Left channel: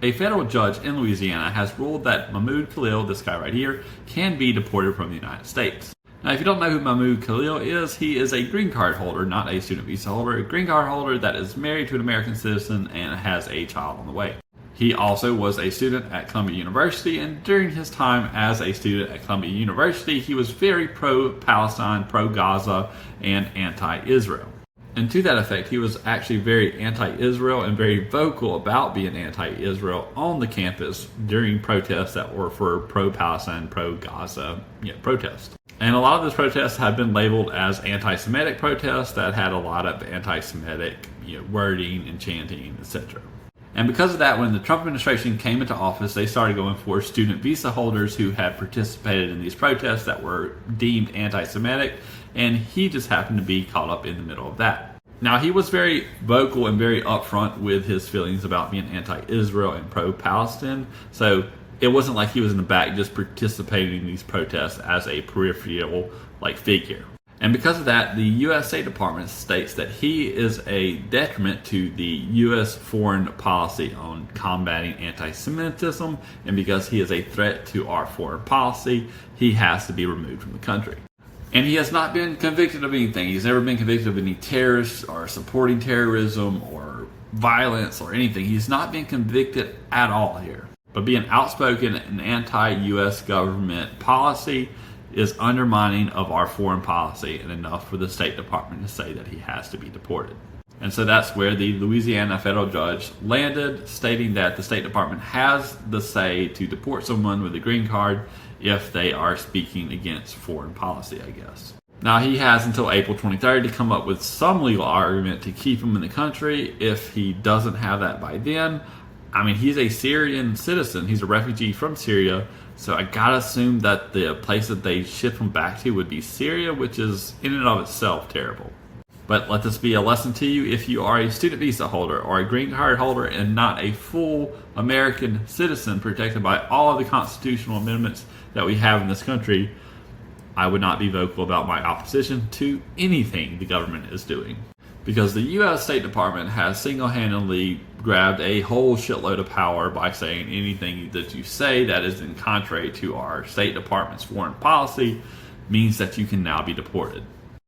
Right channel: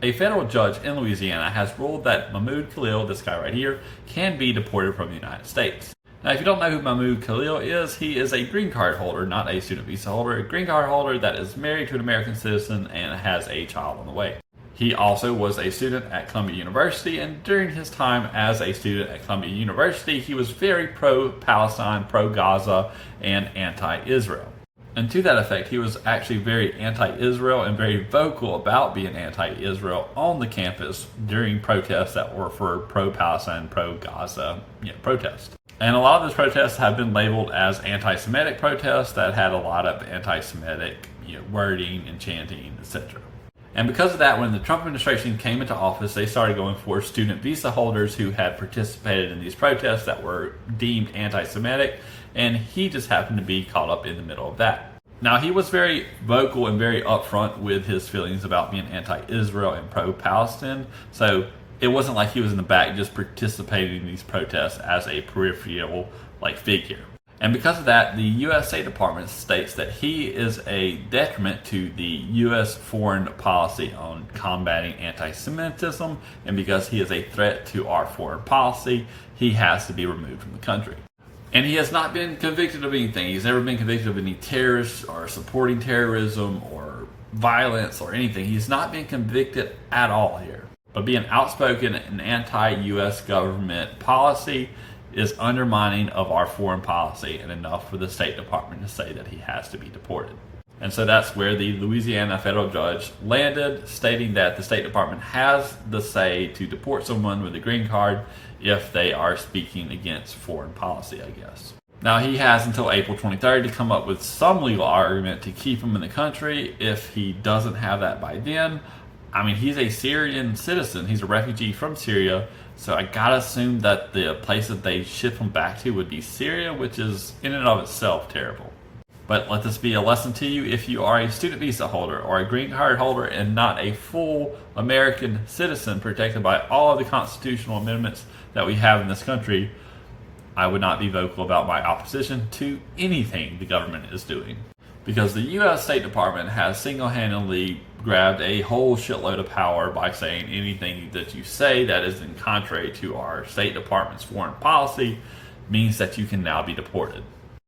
A federal judge in Louisiana has ruled that Mahmoud Khalid, this guy right here, can be deported from the United States. Now, if you don't know who Mahmoud Khalid is, he is a green card holder, not a student visa holder, a green card holder that is married to an American citizen and has a child on the way. He also was a student at Columbia University, and during his time as a student at Columbia University, he was very pro-Palestine, pro-Gaza, and anti-Israel. And to that effect, he was actually very anti-Israel and very vocal about being anti-Israel on the campus during protests that were for pro-Palestine, pro-Gaza protests. And a lot of those protests have been labeled as anti-Semitic protests that had a lot of anti-Semitic wording and chanting, etc. And because of that, when the Trump administration came into office, they started going for student visa holders who had participated in these protests that were deemed anti-Semitic, and he just happened to be caught up in the middle of that. Now, he was very vocal and very upfront with his feelings about being anti-Israel and pro-Palestine, so it wasn't like he was in the back just participating in these protests as a peripheral figure. And because of that, the U.S. State Department states that he is a detriment to the U.S. foreign policy on combating anti-Semitism, and because he is a threat to our foreign policy, he has to be removed from the country. And he has not been convicted of anything. He's never been convicted of any terrorist or supporting terrorism or violence or anything. He's not been convicted at all here. But being outspoken in anti-U.S. government policy is undermining of our foreign policy, and enough for the State Department to say that he has to be deported. And so that's where the Louisiana federal judge landed, stating that the State Department has the say to deport someone with a green card if they are speaking against foreign policy, I guess. Now, he has until April 23rd to come up with some legal argument to keep him in the country. If he doesn't have that by then, he's a Syrian citizen. He's a refugee from Syria. So I gotta assume that the place that they ship him back to would be Syria, which is in and of itself terrible. But let this be a lesson to you: if you are a student visa holder or a green card holder and not a full American citizen protected by all of the constitutional amendments that we have in this country, I would not be vocal about my opposition to anything the government is doing. Because the U.S. State Department has single-handedly grabbed a whole shitload of power by saying anything that you say that is in contrary to our State Department's foreign policy means that you can now be deported.